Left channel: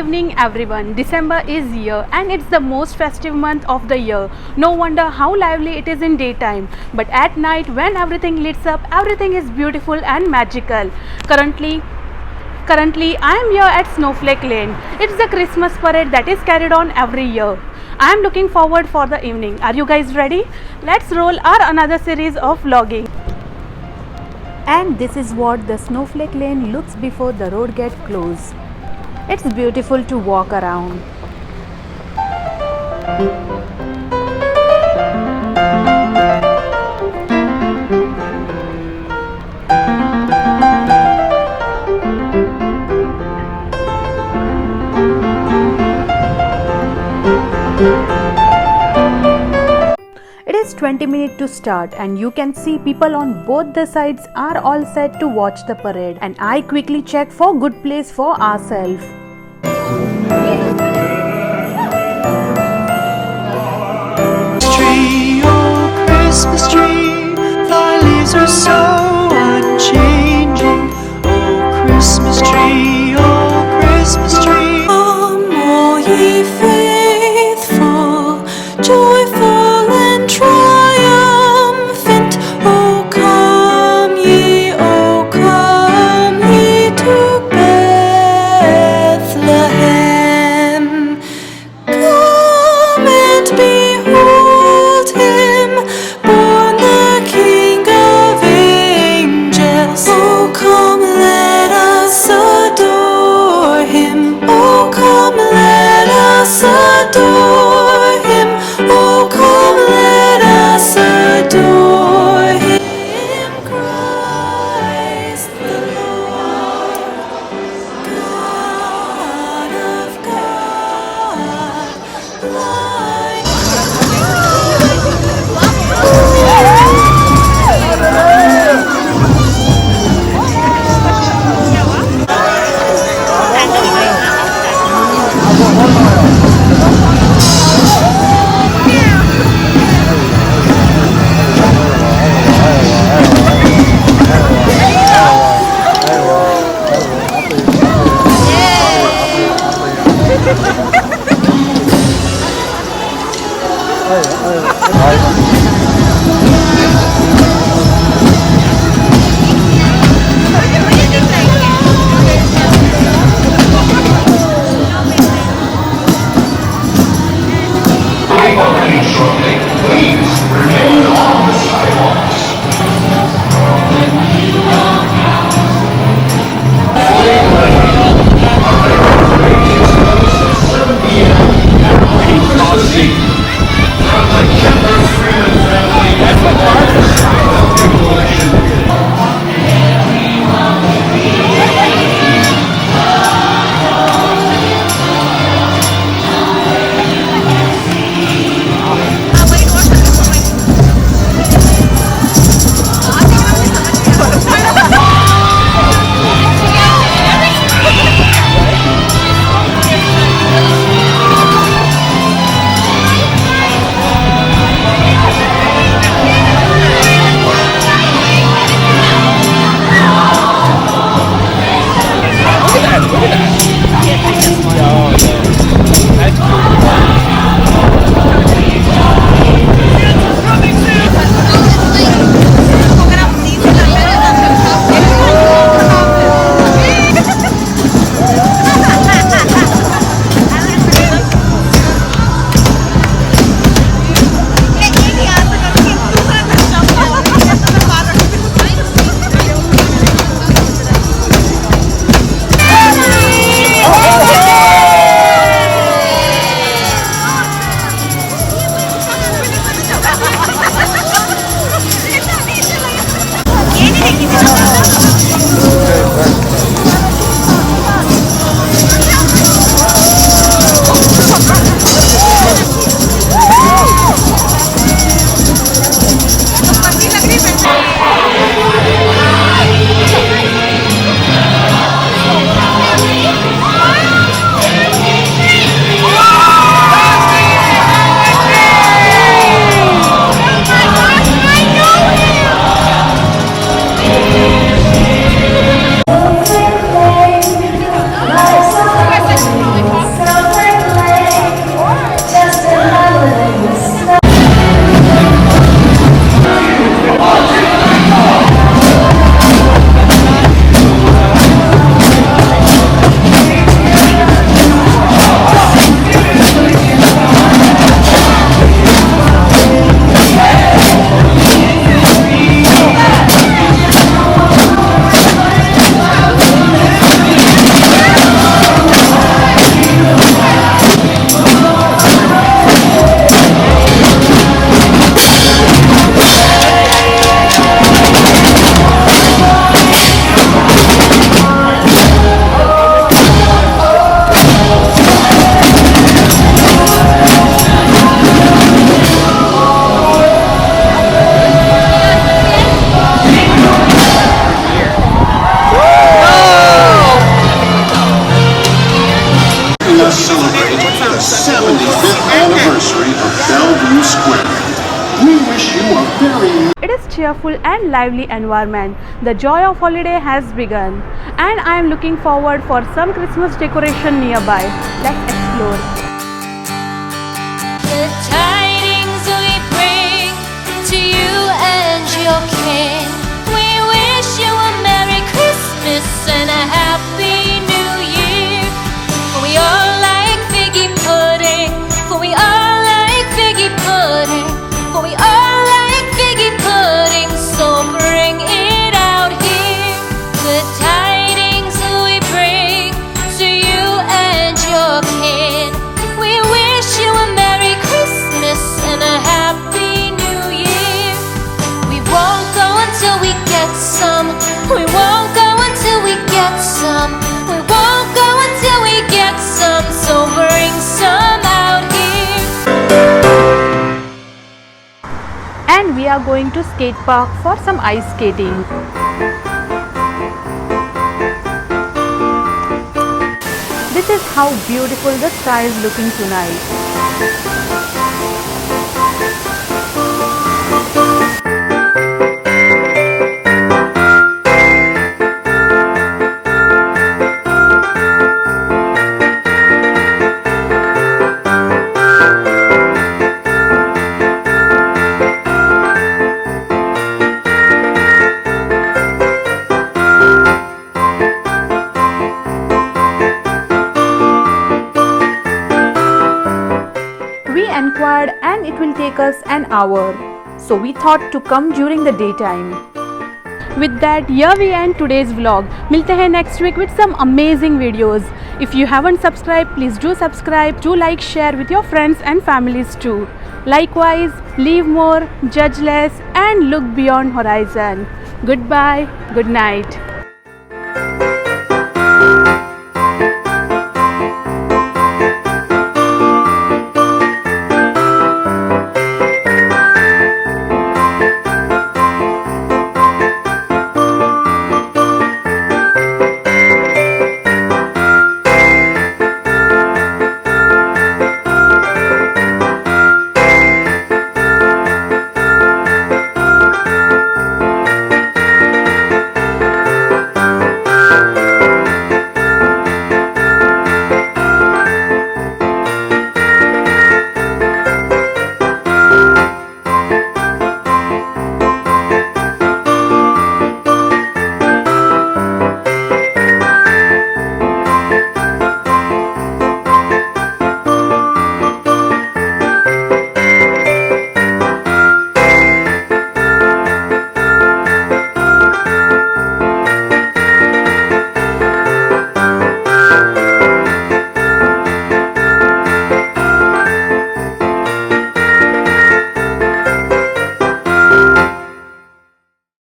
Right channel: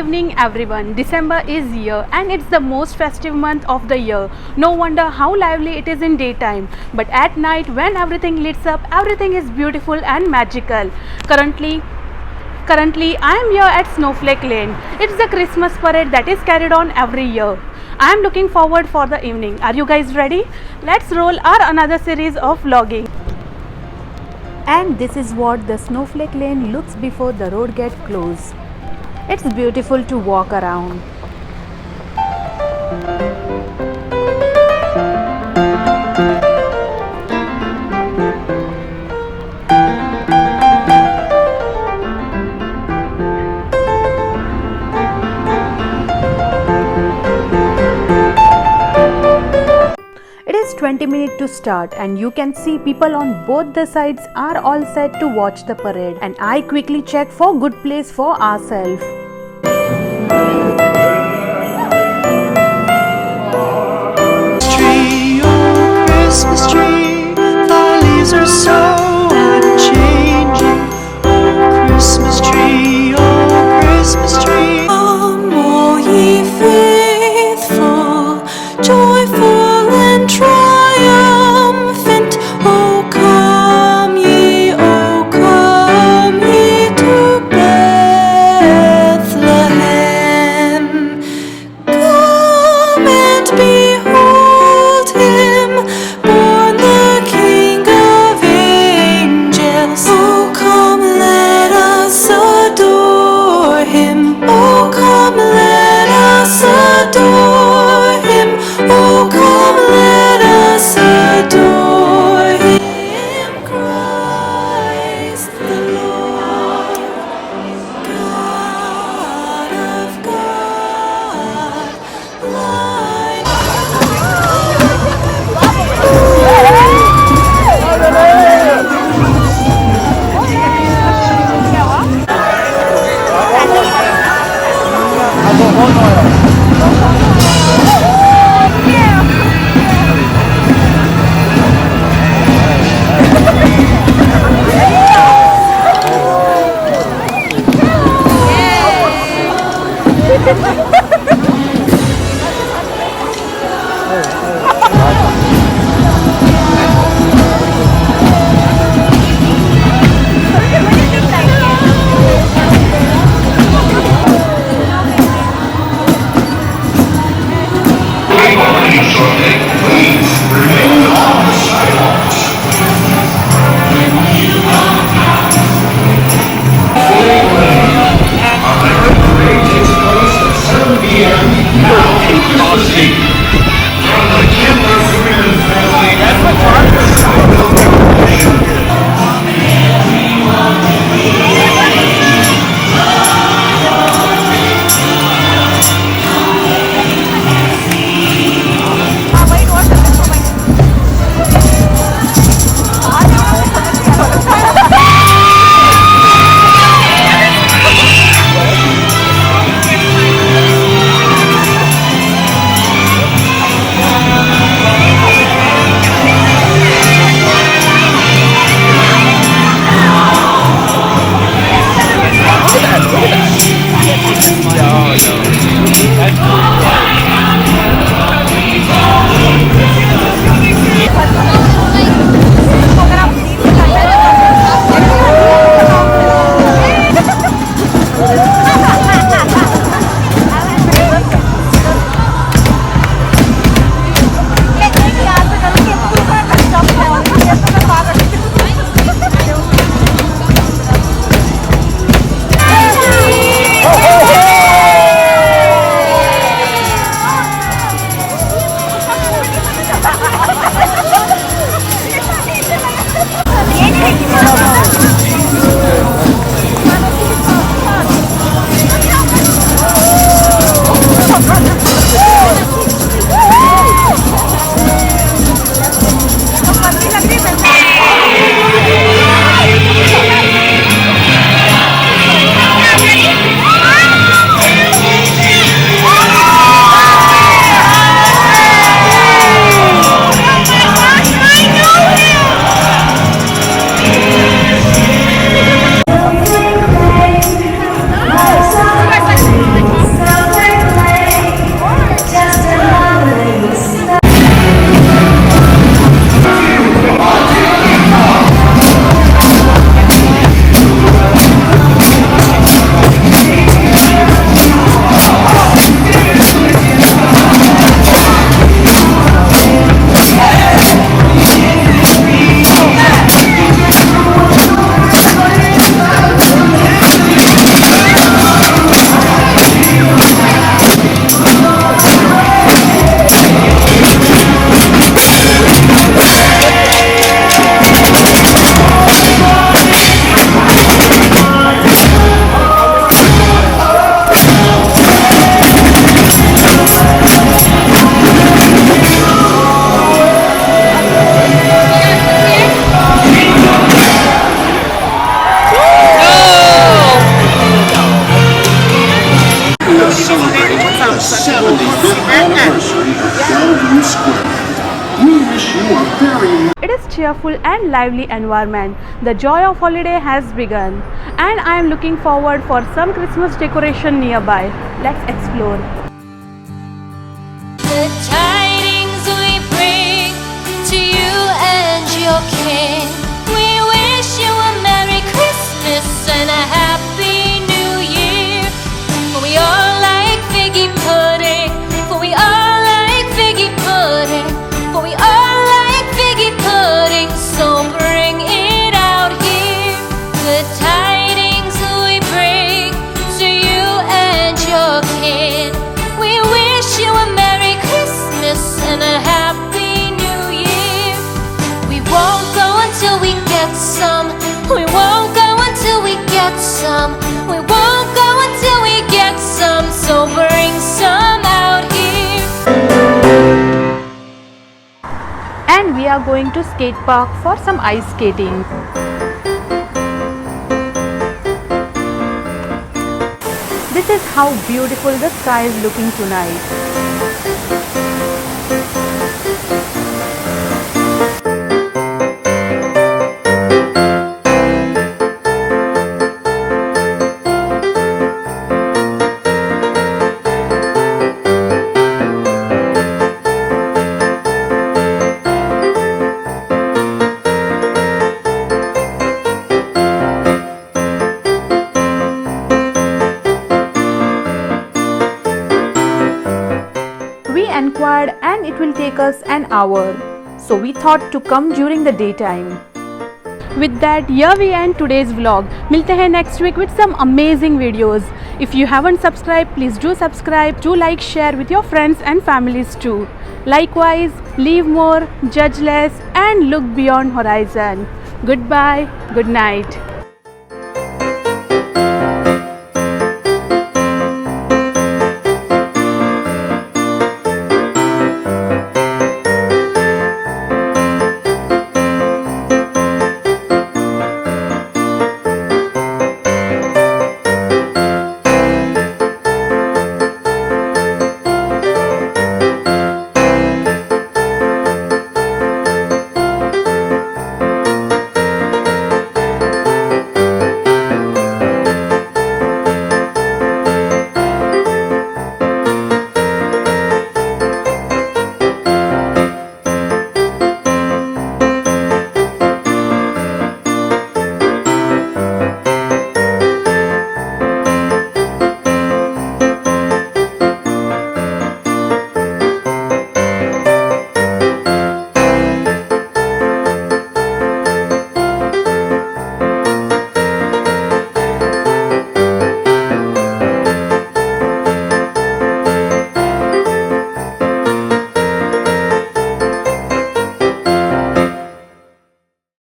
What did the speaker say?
evening everyone. December is here and it's the most festive month of the year. No wonder how lively it is in daytime. But at night when everything lights up, everything is beautiful and magical. Currently I am here at Snowflake Lane. It's the Christmas parade that is carried on every year. I am looking forward for the evening. Are you guys ready? Let's roll our another series of vlogging. And this is what the Snowflake Lane looks before the road gets closed. It's beautiful to walk around. It is 20 minutes to start and you can see people on both the sides are all set to watch the parade, and I quickly check for good place for ourselves. Christmas tree, thy leaves are so unchanging. Oh, Christmas tree, come all ye faithful, joyful and triumphant. Oh come ye to Bethlehem. Come and behold him, born the King of angels. Oh come, let us adore him. Oh come, let us adore him. Oh come, let us adore him. Christ the Lord, God of God, light. us celebrate the 75th anniversary of Bellevue Square. We wish you a very It is cheerful and lively environment. The joy of holiday has begun, and I am looking forward for some Christmas decoration nearby. Let's explore. The tidings we bring to you and your king. We wish you a Merry Christmas and a Happy New Year. For we all like figgy pudding. For we all like figgy pudding. For we all like figgy pudding. So bring it out here. The tidings we bring to you and your king. We wish you a Merry Christmas and a Happy New Year. We won't go until we get some. We won't go until we get some. We won't go until we get some. So bring some out here. And we are going to skate park for some ice skating. This is how beautiful the sky is looking tonight. We inquired and it will take us an hour, so we thought to come during the daytime. With that, here we end today's vlog. मिलते हैं next week with some amazing videos. If you haven't subscribed, please do subscribe. Do like, share with your friends and families too. Likewise, live more, judge less, and look beyond horizon. Goodbye, good night.